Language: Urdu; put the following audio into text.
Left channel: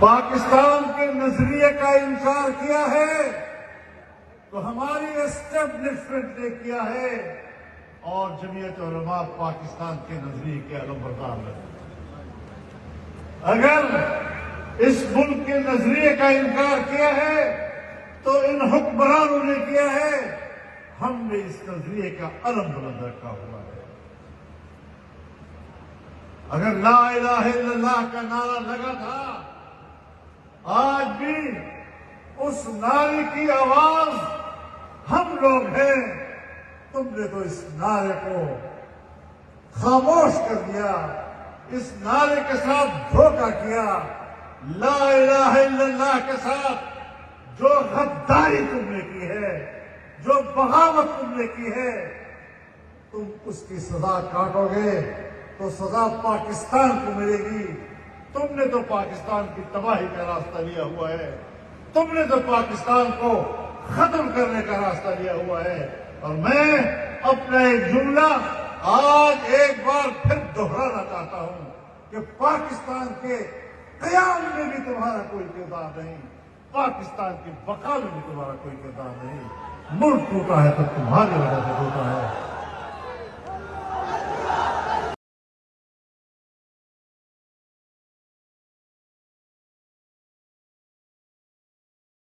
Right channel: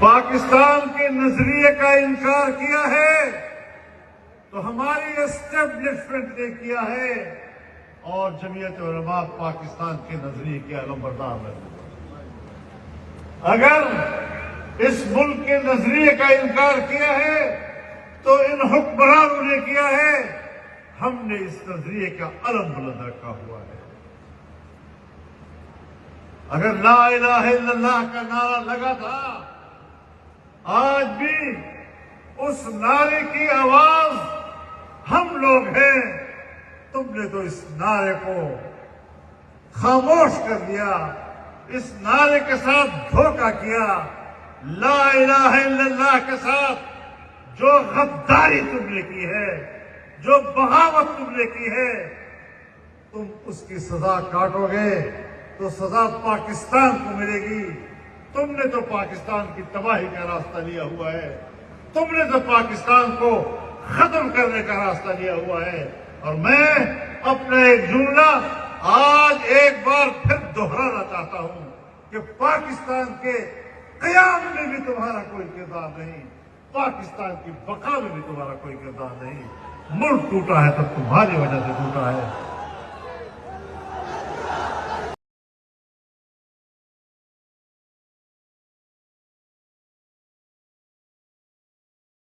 پاکستان کے نظریے کا انکار کیا ہے تو ہماری اسٹیبلشمنٹ نے کیا ہے، اور جمعیت علماء پاکستان کے نظریے کے علمبردار ہے۔ اگر اس ملک کے نظریے کا انکار کیا ہے تو ان حکمرانوں نے کیا ہے، ہم نے اس نظریے کا علم بلند رکھا ہوا ہے۔ اگر لا الہ الا اللہ کا نعرہ لگا تھا، آج بھی اس نعرے کی آواز ہم لوگ ہیں۔ تم نے تو اس نعرے کو خاموش کر دیا، اس نعرے کے ساتھ دھوکہ کیا۔ لا الہ الا اللہ کے ساتھ جو غداری تم نے کی ہے، جو بغاوت تم نے کی ہے، تم اس کی سزا کاٹو گے تو سزا پاکستان کو ملے گی۔ تم نے تو پاکستان کی تباہی کا راستہ لیا ہوا ہے، تم نے تو پاکستان کو ختم کرنے کا راستہ لیا ہوا ہے۔ اور میں اپنا ایک جملہ آج ایک بار پھر دہرانا چاہتا ہوں کہ پاکستان کے قیام میں بھی تمہارا کوئی کردار نہیں، پاکستان کی بقا میں بھی تمہارا کوئی کردار نہیں۔ ملک ٹوٹا ہے تو تمہاری وجہ سے ٹوٹا ہے۔